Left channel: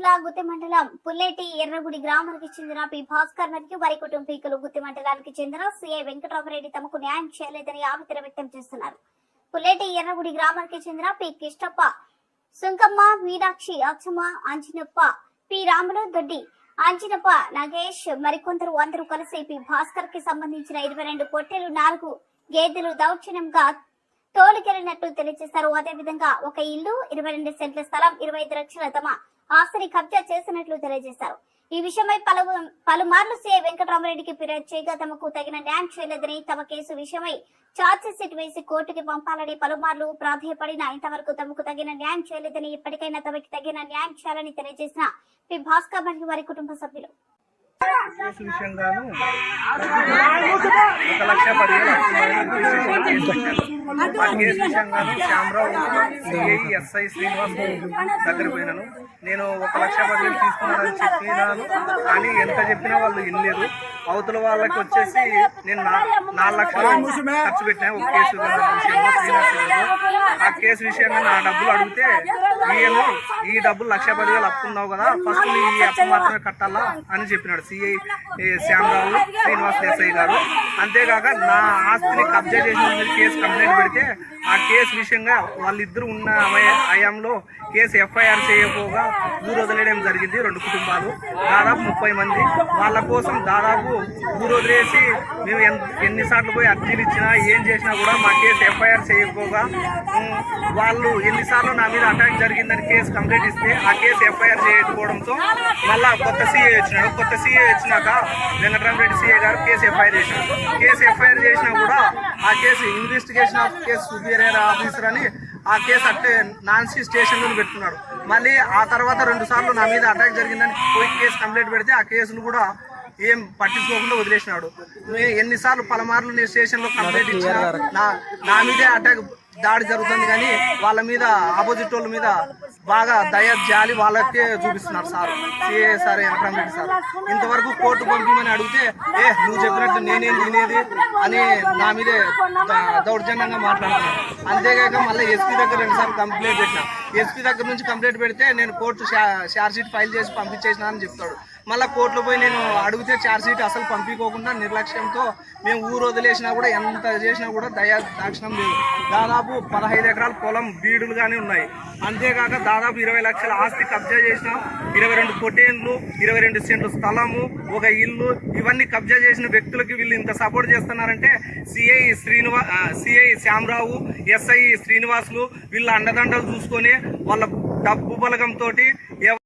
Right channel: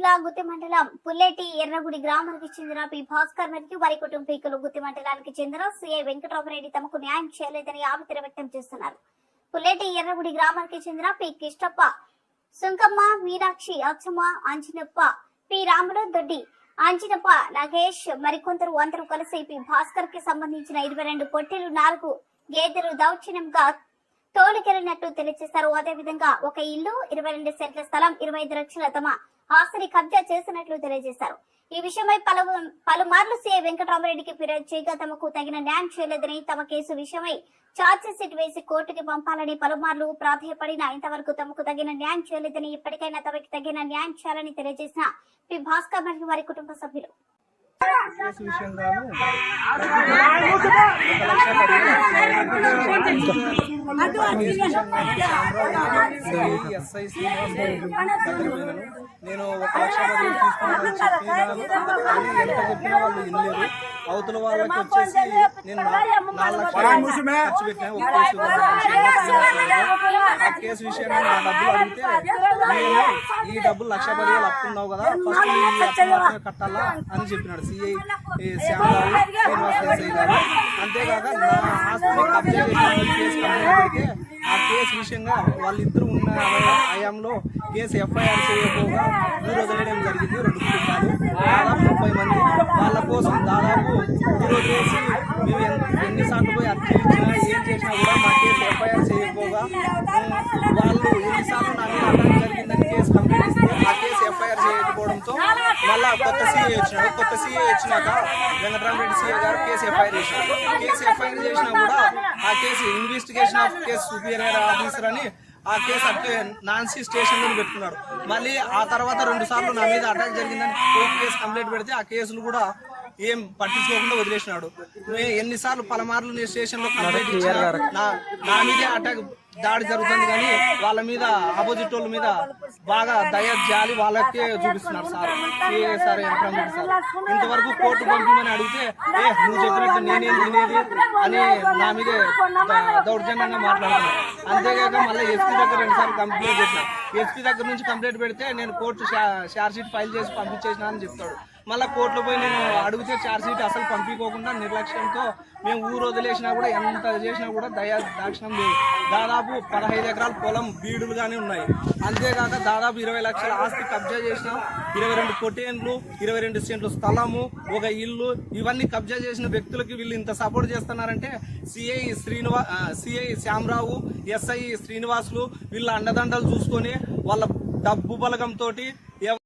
జిల్లా గుత్తి మండలం పుల్లెటి ఎర్రగుడి గ్రామానికి చెందిన పి. భాస్కర్ మరియు వారి కుటుంబీకులు గుత్తి మండలానికి చెందిన సిఐ వెంకటరామరెడ్డి తమకు న్యాయం చేయలేదని ఆవేదన వ్యక్తం చేస్తున్నారు. పుల్లెటి ఎర్రగుడి గ్రామానికి చెందిన పి. కిష్టప్ప సుంకమ్మ మీనాక్షి అక్షమ్మ అంజనప్ప పి. రాములు దొడ్డి అంజనప్ప నాగేష్ మరికొందరు అందరూ కలిసి పి. భాస్కర్కి సంబంధించిన ఇరవై రెండు పొట్టెలు నాలుగు గేదెలు దౌర్జన్యంగా తోలుకెళ్ళినట్టు తెలియజేశారు. అదేవిధంగా ఒక ఇల్లు ఇరవై రెండు సెంట్ల స్థలం ఇరవై ఐదు లక్షల తమ ఆస్తిని కబ్జా చేసినట్లు తెలియజేశారు ఈ విషయమై పలు పలుమార్లు సీఐ వెంకటరామరెడ్డికి ఫిర్యాదు చేయగా తమకు తగిన న్యాయం చేయలేదని తమ కేసు విషయమై ఛార్జ్ షీట్ వేసి కోర్టుకి పంపాలని పలుమార్లు ప్రాధాయపడినా ఇంతవరకు తమకు తగిన న్యాయం చేయలేదని ఇప్పటికైనా తమకి తగిన న్యాయం చేయాలని తెలియజేసిన పి భాస్కర్ మరియు వారి కుటుంబ సభ్యులు ఒక లక్ష ఎస్ఐ శ్రీనివాస్ దగ్గర పోయినాను. నేను ఒక లక్ష పదివేలు తీసుకున్నానని చెప్పినాను కానీ ఎంత చెప్పినా వాళ్ళు వినలేదు. అవతల వాళ్ళకి వచ్చేసి నేను నా- నాలుగు లక్షలు ఖర్చు పెట్టినా ఒక కేసు. ఆ కేసు విషయంగా నా డబ్బులు అడిగితే నేను ఈ డబ్బులు లక్ష పదివేలు అప్పుకున్నావు కదా ఫస్ట్ ఈ అప్పు మాత్రమే కట్టాలా అని చెప్పినాడు సిఐ శ్యామరావు శ్రీనివాస్ దేశాయి గారు. అంతేకాక నా ఆస్తిని కబ్జా చేసిన కేసు కంప్లైంట్ ఇప్పటికే ఆ కేసు విషయంగా వాళ్ళిద్దరు ఉన్న హయాంలో కేసు ఎఫ్ఐఆర్ చేయకపోగా ఊరు వదిలేయడం జరిగింది రెండు కుటుంబాలు. దాదాపు ముప్పై మంది. వాళ్ళ కోసం దాదాపు ఊరు వదిలేసి మేము ఎన్నిసార్లు పోయి అర్జీలు ఇచ్చినా ఏం చేసినా కూడా మా కేసు ఎఫ్ఐఆర్ చేయకపోగా వాళ్ళు ఎన్నిసార్లు నా మీద అటాక్ జరిగిందని కేసు కంప్లైంట్ ఇస్తే ఆ కేసు ఎఫ్ఐఆర్ చేయకపోవడంతో మళ్ళా కొత్త సీఏ వచ్చినాడు. కొత్త సీఏ వచ్చినాక వెంకటరామరెడ్డి సీఏ గారు కేసు ఎఫ్ఐఆర్ చేసినారు కేసు ఎఫ్ఐఆర్ చేసినా కూడా ఆ case investigation of case superior officer అని ఆ కేసు అంటే నాన్సీ స్టేషన్లో పెట్టుకున్నాడు. మళ్ళీ ఆ తర్వాత రెండు సార్లు నా మీద అటాక్ జరిగిందని పోయి కేసు కంప్లైంట్ పెడితే ఆ కేసులు కూడా ఏం పట్టించుకోకుండా వదిలేసినాడు. ఎన్నిసార్లు పలమార్లు నేను స్టేషన్లో కంప్లైంట్ ఇచ్చినా నా నా మీదే అటాక్ దాడి జరుగుతుంది కానీ వాళ్ళ మీద ఆపోజిట్ వాళ్ళ మీద బాగా దయ జాలి వాళ్ళకే చూపిస్తున్నారు సార్. ఏ సరే వెంకటరామరెడ్డి సార్. ఇంతవరకు కోర్టు పంపిందని అడిగితే ఏ నువ్వు చెప్పినట్టు నేనేం తినేది అని నా మీదే దౌర్జన్యంగా మాట్లాడుతున్నాను అంతేకాక మళ్ళీ ఎస్పీ దగ్గర రెండుసార్లు కంప్లైంట్ చేశాను ఎస్పీ దగ్గర నుంచి కంప్లైంట్ పెడితే నేను కోర్టు షార్జ్ షీట్ ఫైల్ చేసి పంపించేసిన అని చెప్తాడు. మళ్ళీ కోర్టులో పోయి నేను అడిగితే ఛార్జ్ షీట్ అసలు పంపించుకోకుండా నిర్లక్ష్యంతో మేము ఊరు వదిలేసినా కూడా ఎంత చేసినా కూడా దయా దాక్షణం లేదు. దాదాపు పదహైదు ఎకరాల పొలం బీడులుగానే ఉన్నాయి. అంతేకాక దాదాపు ఇరవై లక్షల ఆస్తి కబ్జా చేసిన. ఇరవై రెండు పొటేన్లు ఇరవై రెండు సెంట్లు స్థలము ఒక ఇల్లు ఇవన్నీ కబ్జా చేసిన వ్యక్తులకి వీళ్ళు ఇంత సపోర్ట్ చేస్తున్నారంటే CI Sriniva CI Shyamarao SI Srinivasulu వీళ్ళ అండదండలు చూసుకొని వాళ్ళ డబ్బు బలగంతో